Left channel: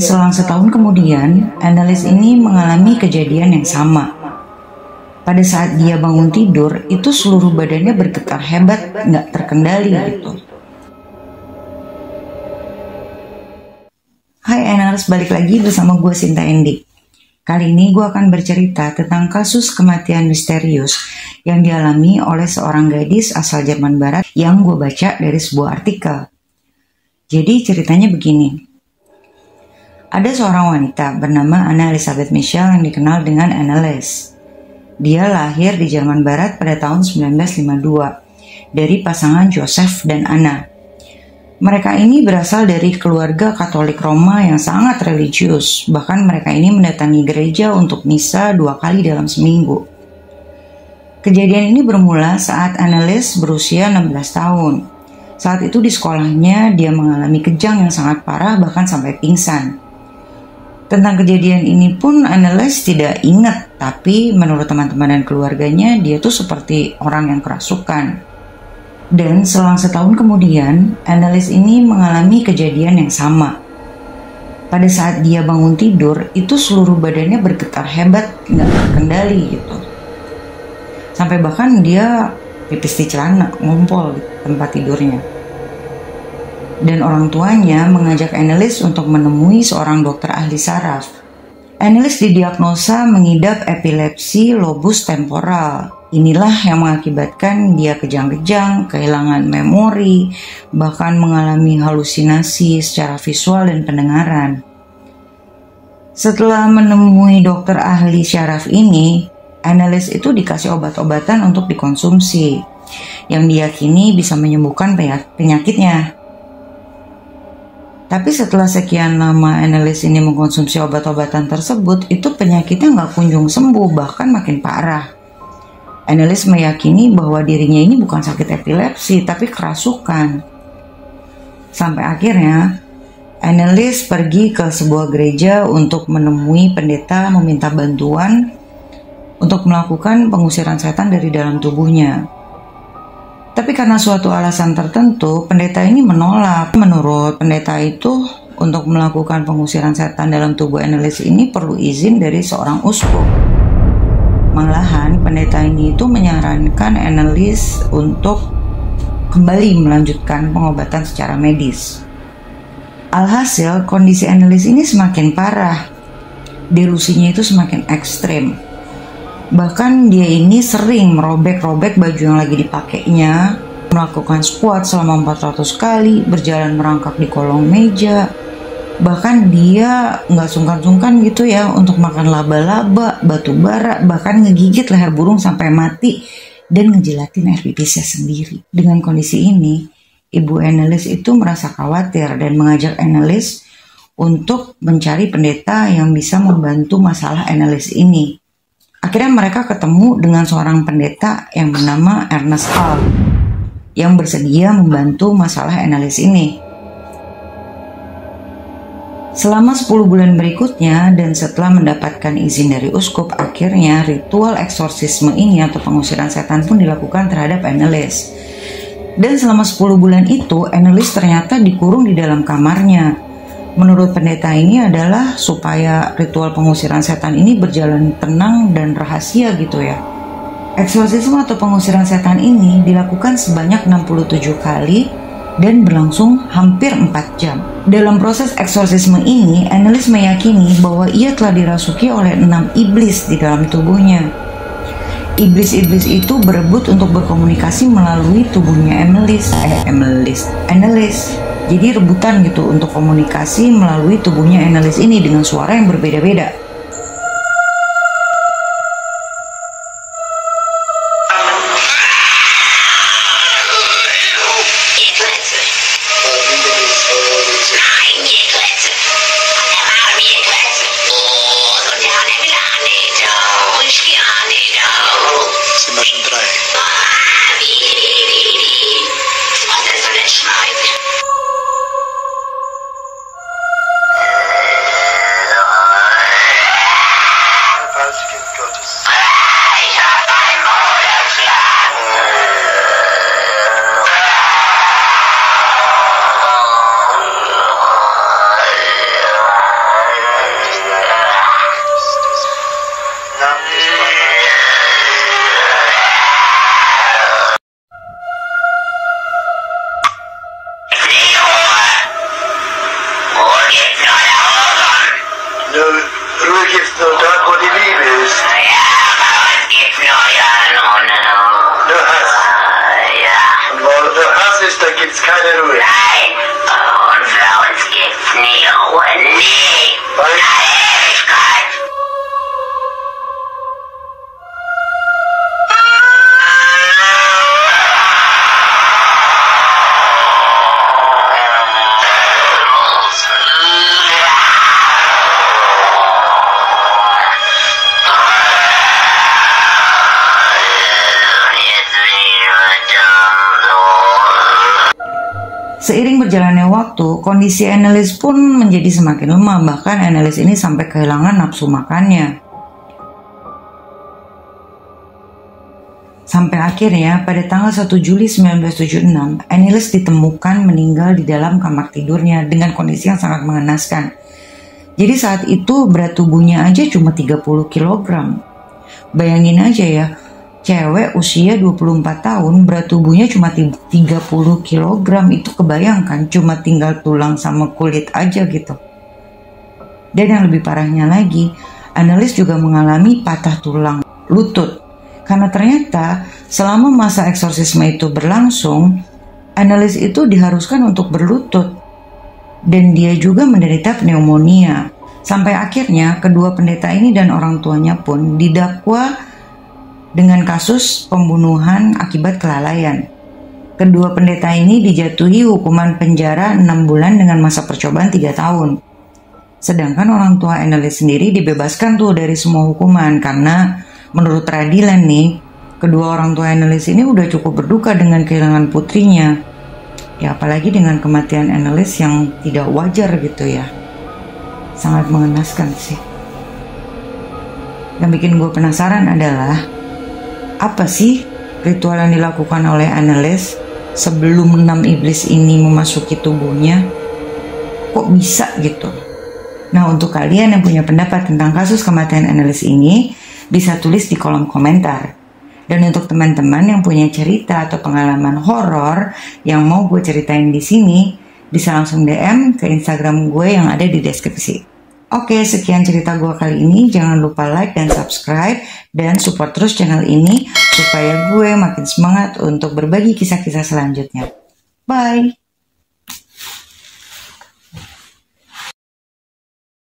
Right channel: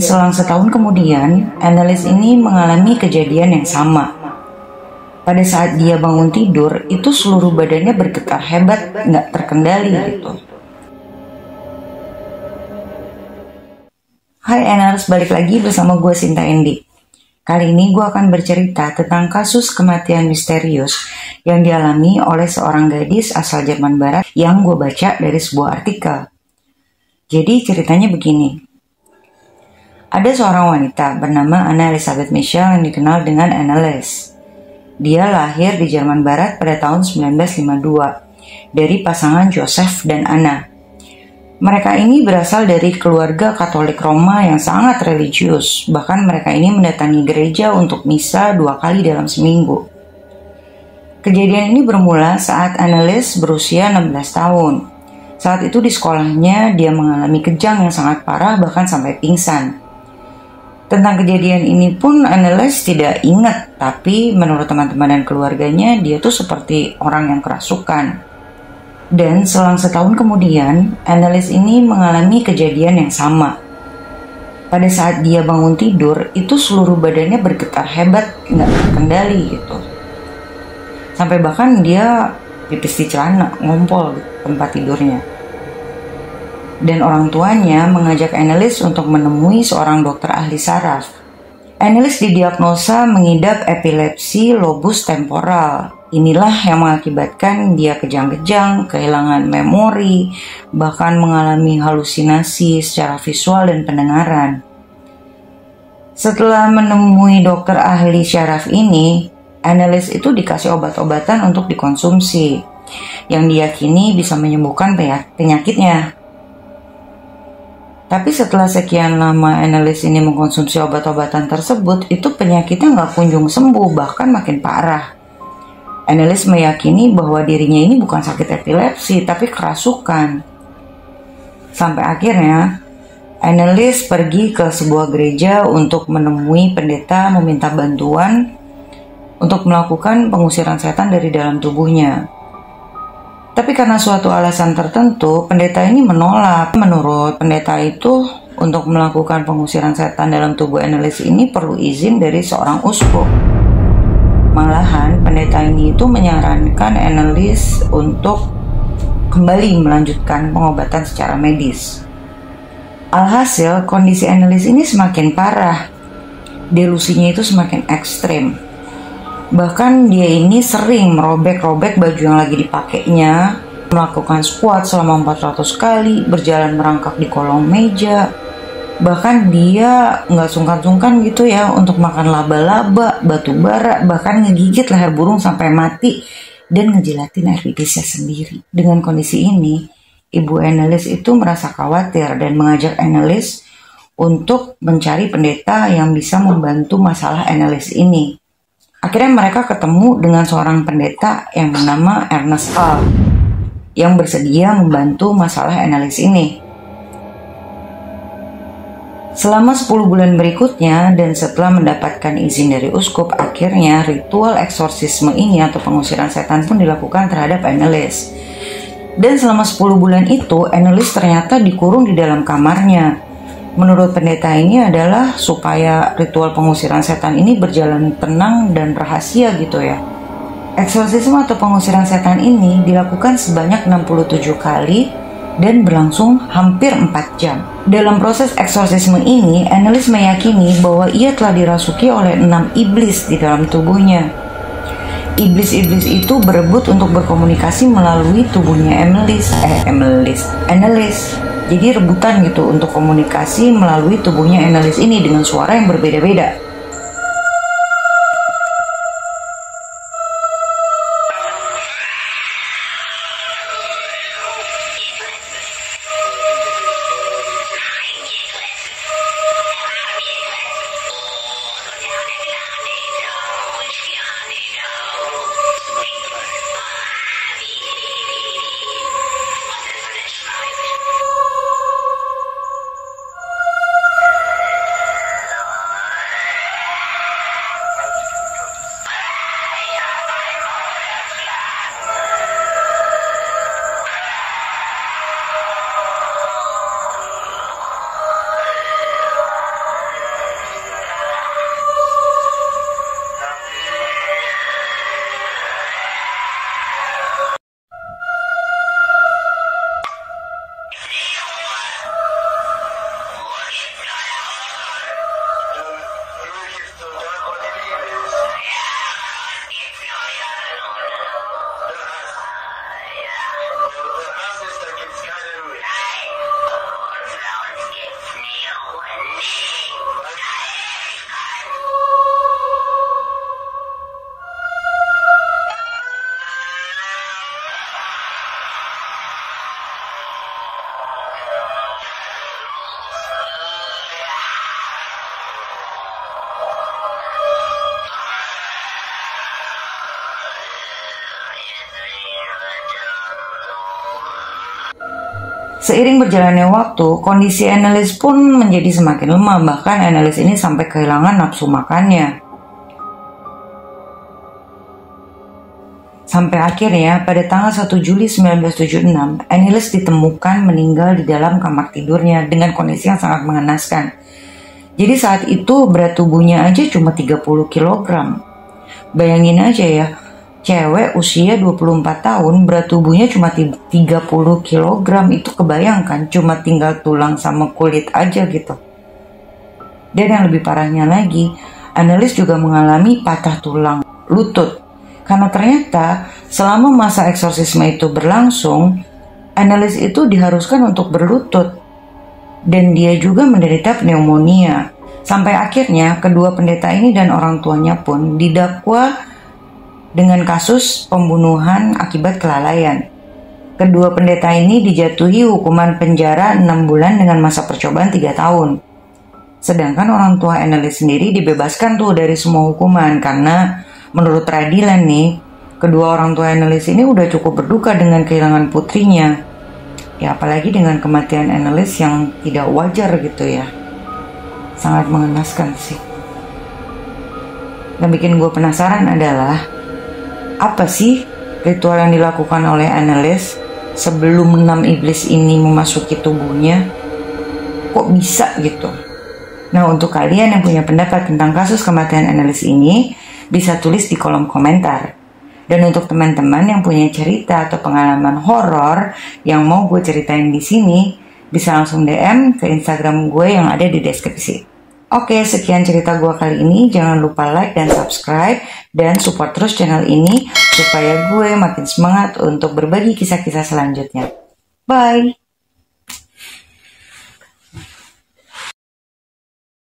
selang setahun kemudian, Annelies ini mengalami kejadian yang sama. Pada saat dia bangun tidur, itu seluruh badannya bergetar hebat, nggak terkendali gitu. Hai Eners, balik lagi bersama gue Sinta Endi. Kali ini gue akan bercerita tentang kasus kematian misterius yang dialami oleh seorang gadis asal Jerman Barat yang gue baca dari sebuah artikel. Jadi ceritanya begini. Ada seorang wanita bernama Anna Elisabeth Michel yang dikenal dengan Annelies. Dia lahir di Jerman Barat pada tahun 1952 dari pasangan Joseph dan Anna. Mereka ini berasal dari keluarga Katolik Roma yang sangat religius, bahkan mereka ini mendatangi gereja untuk misa 2 kali dalam seminggu. Kejadian ini bermula saat Annelies berusia 16 tahun. Saat itu di sekolahnya dia mengalami kejang yang sangat parah bahkan sampai pingsan. Tentang kejadian ini pun Annelies tidak ingat, tapi menurut teman-teman dan keluarganya dia tuh seperti orang yang kerasukan. Dan selang setahun kemudian, Annelies ini mengalami kejadian yang sama. Pada saat dia bangun tidur, itu seluruh badannya bergetar hebat, nggak terkendali gitu. Sampai bahkan dia pipis di celana, ngompol di tempat tidurnya. Dan orang tuanya mengajak Annelies untuk menemui seorang dokter ahli saraf. Annelies didiagnosa mengidap epilepsi lobus temporal. Inilah yang mengakibatkan dia kejang-kejang, kehilangan memori, bahkan mengalami halusinasi secara visual dan pendengaran. Setelah menemui dokter ahli saraf ini, Annelies itu dikasih obat-obatan untuk dikonsumsi, yang diyakini bisa menyembuhkan penyakitnya. Tapi setelah sekian lama Annelies ini mengkonsumsi obat-obatan tersebut, itu penyakitnya nggak kunjung sembuh, bahkan makin parah. Annelies meyakini bahwa dirinya ini bukan sakit epilepsi, tapi kerasukan. Sampai akhirnya, Annelies pergi ke sebuah gereja untuk menemui pendeta meminta bantuan untuk melakukan pengusiran setan dari dalam tubuhnya. Tapi karena suatu alasan tertentu, pendeta ini menolak. Menurut pendeta itu, untuk melakukan pengusiran setan dalam tubuh Annelies ini perlu izin dari seorang uskup. Malahan, pendeta ini itu menyarankan Annelies untuk kembali melanjutkan pengobatan secara medis. Alhasil, kondisi Annelies ini semakin parah. Delusinya itu semakin ekstrem. Bahkan dia ini sering merobek-robek baju yang lagi dipakainya, melakukan squat selama 400 kali, berjalan merangkak di kolong meja. Bahkan dia nggak sungkan-sungkan gitu ya untuk makan laba-laba, batu bara, bahkan ngegigit leher burung sampai mati dan ngejilatin air pipisnya sendiri. Dengan kondisi ini, Ibu Annelies itu merasa khawatir dan mengajak Annelies untuk mencari pendeta yang bisa membantu masalah Annelies ini. Akhirnya mereka ketemu dengan seorang pendeta yang bernama Ernest Hall yang bersedia membantu masalah Annelies ini. Selama 10 bulan berikutnya dan setelah mendapatkan izin dari uskup, akhirnya ritual eksorsisme ini atau pengusiran setan pun dilakukan terhadap Annelies. Dan selama 10 bulan itu Annelies ternyata dikurung di dalam kamarnya. Menurut pendeta ini adalah supaya ritual pengusiran setan ini berjalan tenang dan rahasia gitu ya. Eksorsisme atau pengusiran setan ini dilakukan sebanyak 67 kali dan berlangsung hampir 4 jam. Dalam proses eksorsisme ini, Annelies meyakini bahwa ia telah dirasuki oleh 6 iblis di dalam tubuhnya. Iblis-iblis itu berebut untuk berkomunikasi melalui tubuhnya Annelies. Jadi rebutan gitu untuk komunikasi melalui tubuhnya Annelies ini dengan suara yang berbeda-beda. gibt's noch da, wo die Liebe ist. Ja, aber es gibt nur ja nur. Der Hass. Ja. Und wo der Hass ist, da gibt's keine Ruhe. Nein. Und für uns gibt's nie Ruhe. Nie. Weil Ewigkeit. Seiring berjalannya waktu, kondisi Annelies pun menjadi semakin lemah, bahkan Annelies ini sampai kehilangan nafsu makannya. Sampai akhirnya pada tanggal 1 Juli 1976, Annelies ditemukan meninggal di dalam kamar tidurnya dengan kondisi yang sangat mengenaskan. Jadi saat itu berat tubuhnya aja cuma 30 kg. Bayangin aja ya, cewek usia 24 tahun berat tubuhnya cuma 30 kg, itu kebayangkan cuma tinggal tulang sama kulit aja gitu. Dan yang lebih parahnya lagi, Annelies juga mengalami patah tulang lutut. Karena ternyata selama masa eksorsisme itu berlangsung, Annelies itu diharuskan untuk berlutut. Dan dia juga menderita pneumonia. Sampai akhirnya kedua pendeta ini dan orang tuanya pun didakwa dengan kasus pembunuhan akibat kelalaian. Kedua pendeta ini dijatuhi hukuman penjara 6 bulan dengan masa percobaan 3 tahun. Sedangkan orang tua Annelies sendiri dibebaskan tuh dari semua hukuman karena menurut peradilan nih, kedua orang tua Annelies ini udah cukup berduka dengan kehilangan putrinya. Ya apalagi dengan kematian Annelies yang tidak wajar gitu ya. Sangat mengenaskan sih. Dan bikin gue penasaran adalah, apa sih ritual yang dilakukan oleh Annelies sebelum 6 iblis ini memasuki tubuhnya? Kok bisa gitu? Nah, untuk kalian yang punya pendapat tentang kasus kematian Annelies ini, bisa tulis di kolom komentar. Dan untuk teman-teman yang punya cerita atau pengalaman horor yang mau gue ceritain di sini, bisa langsung DM ke Instagram gue yang ada di deskripsi. Oke, sekian cerita gue kali ini. Jangan lupa like dan subscribe dan support terus channel ini supaya gue makin semangat untuk berbagi kisah-kisah selanjutnya. Bye!